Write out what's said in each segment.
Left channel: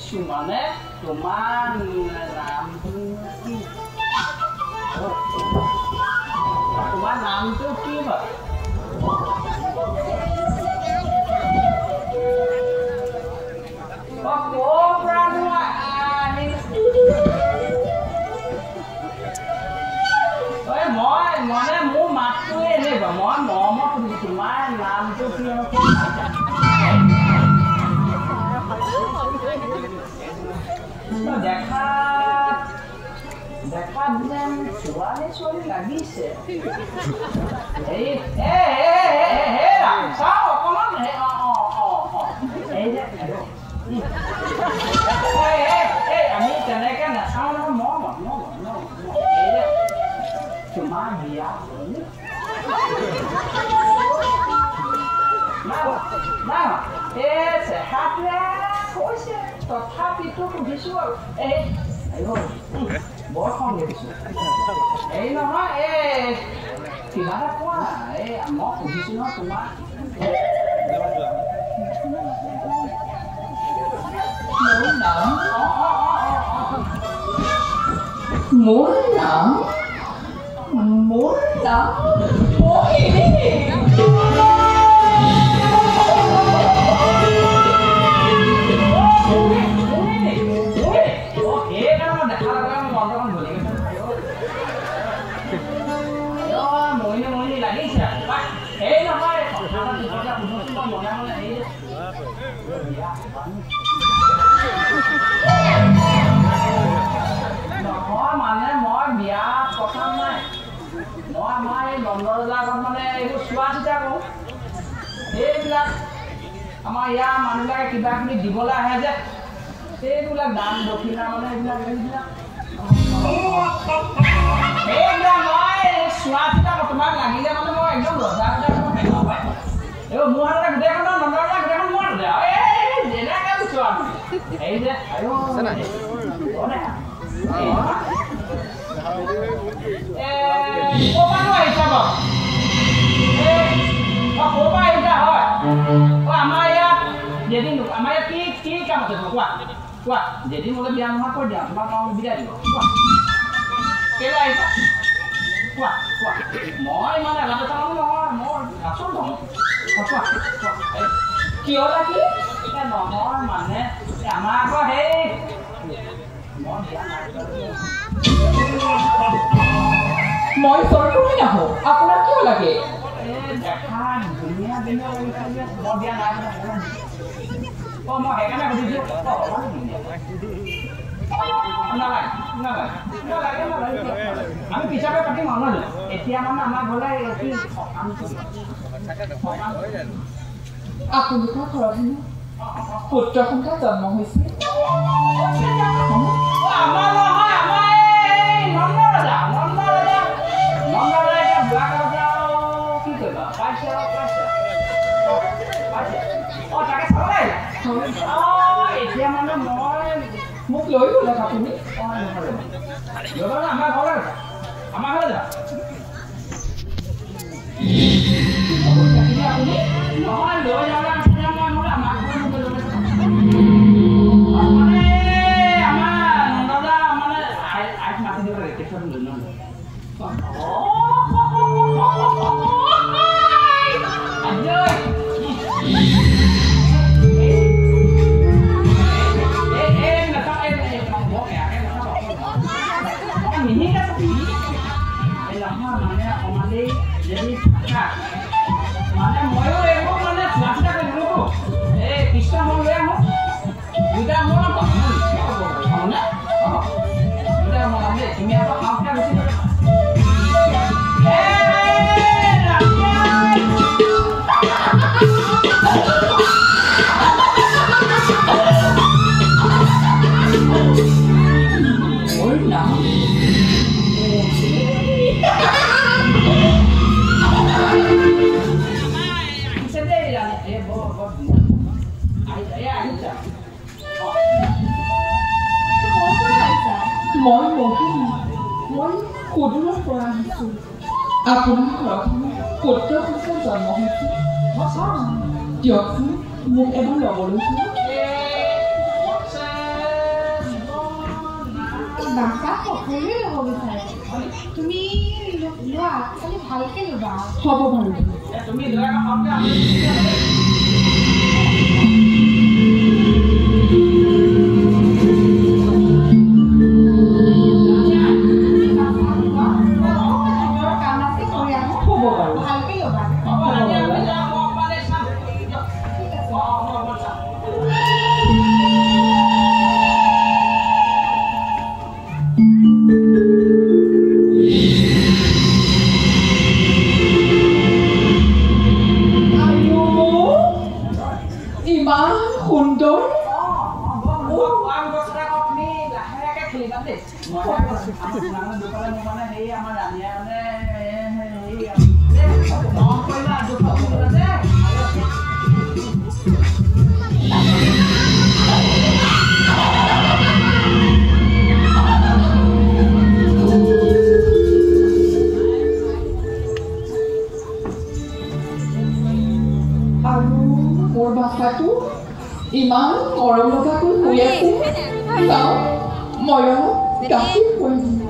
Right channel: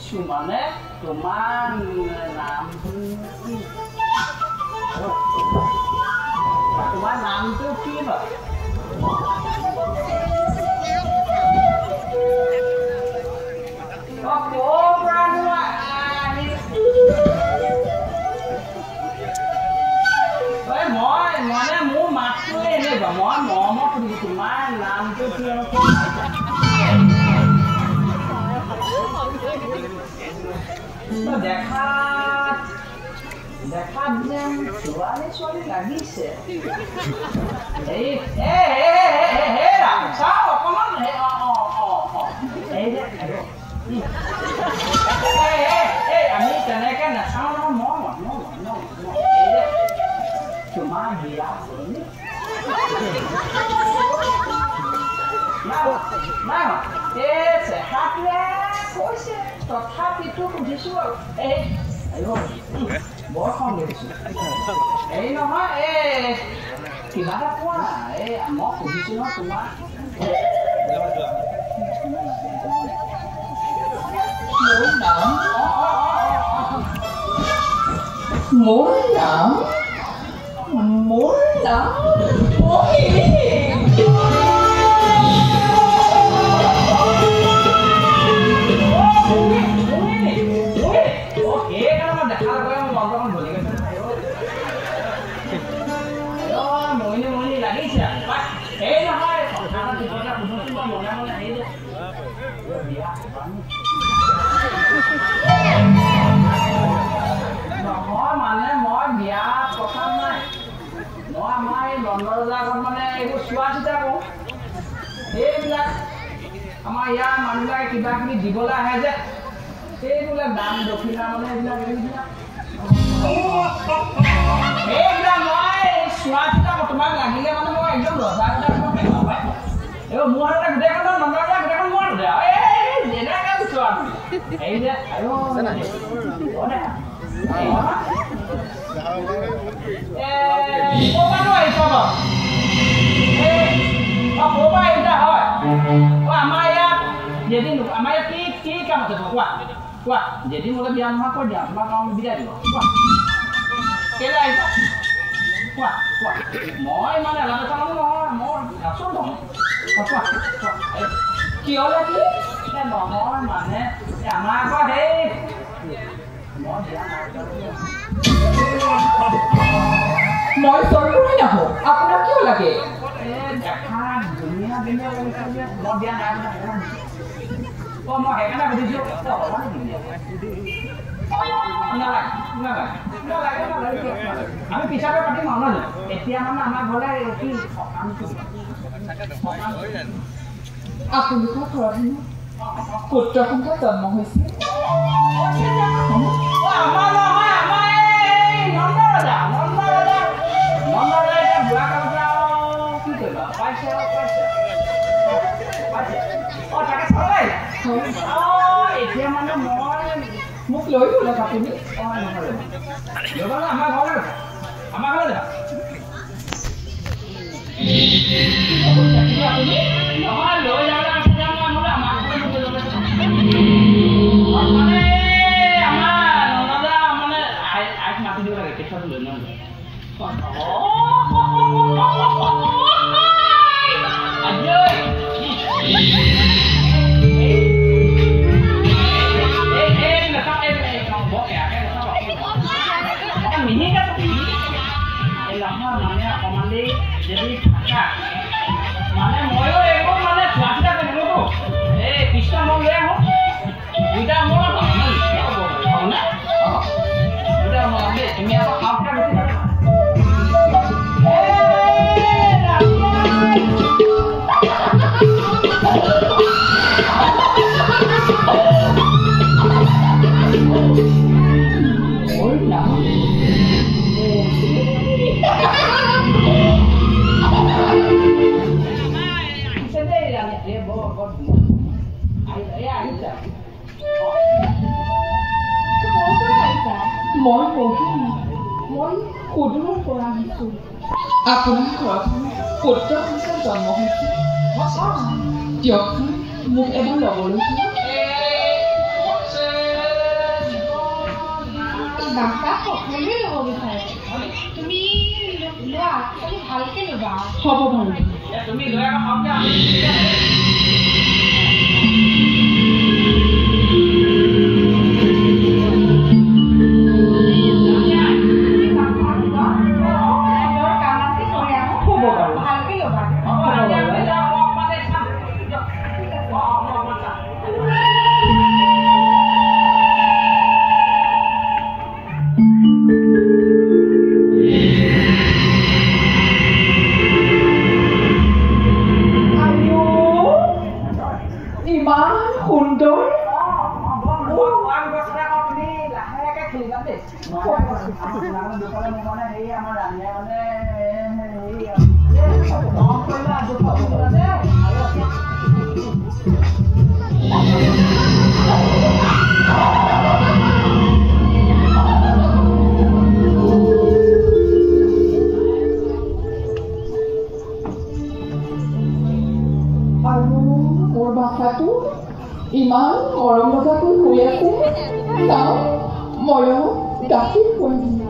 সুমানে তোমাৰ নামটো কি তোমাৰ নামটো কি হয় মানে মোৰ মাতটোৱে এনেকুৱা মই মৰমত তোমাৰ নামটো কি দেখাত যেন ছোৱালী ছোৱালী লাগিছে চাওঁ অকণমান আমি তেনেকে নাচাওঁ নহয় তোমাৰ বিয়া চেহাটোৱে কৈছে তথাপিতো সুধিছো আৰু বৰ খং দেখিছো এই নহয় কিবা এটা কোৱা মই সুধিছো নহয় তোমাক মোৰ নাম মানে মই বিয়া পতা নাই মই আমাৰ এই দণ্ডবিলাকত মানে এইবোৰ চোৱা চিতা কৰোঁ এইবিলাক আমাৰ ইয়াৰ মানুহবিলাকে কিবা কিবি দিবলৈ আহে যে সেইবিলাক দান দক্ষিণা মানে এইবিলাক মই চোৱা চিতা কৰোঁ তোমাক লাগিলে মানে মই একদম ৰজা এইবোৰ মোৰ হাততে গোটেইখন দণ্ডবিলাক গোটেইখন মোৰ হাততে যেনেকৈ চোৱা এই যে jadi mulai biar apa dia mau biar dia kira itu wah mau mana lah kamu mau langsung dong wah kio lagi kita nomor mana sama apa deh mau sorry punya ho aku nak kio lagi jangan dunia lagi mau dia nak oh mau kayak mana begitu আমি পিছাকে পাতিম আৰু ন এতিয়া মানে আমাৰ ঘৰলে কি আপোনালোকৰ ঘৰত পুত্ৰ সন্তান জন্ম হৈছে এতিয়া মানে মই মোক লৈ গ'লা আপুনি আমাৰ ঘৰলৈ নহয় লৈ যাবলৈ আমাৰ ননদা মানে আইক মাতি দিব লাগে তেখেতলৈ লৈ নলয় jadi mana mau itu mana cuaca tak dulu bisa mau yang udah mau apa mau nak udah mau ambil ini apa apa sih মই সুদূৰৰ পৰা আহিছোঁ আপোনাৰ ঘৰত পুত্ৰ সন্তান জন্ম হৈছে দিয়কচোন মোক এবাৰ ল'বলৈ বিচাৰে তুমি লোৱা তুমি ভালকে ল'বা হ'ব বাৰু তুমি লৈ আহা ইমান মৰম লগাকৈ শুই আছে চাওঁ মই গাখীৰ খুৱাই দিম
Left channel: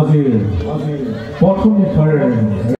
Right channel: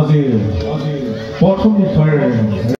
আজি প্ৰথম নিশাৰ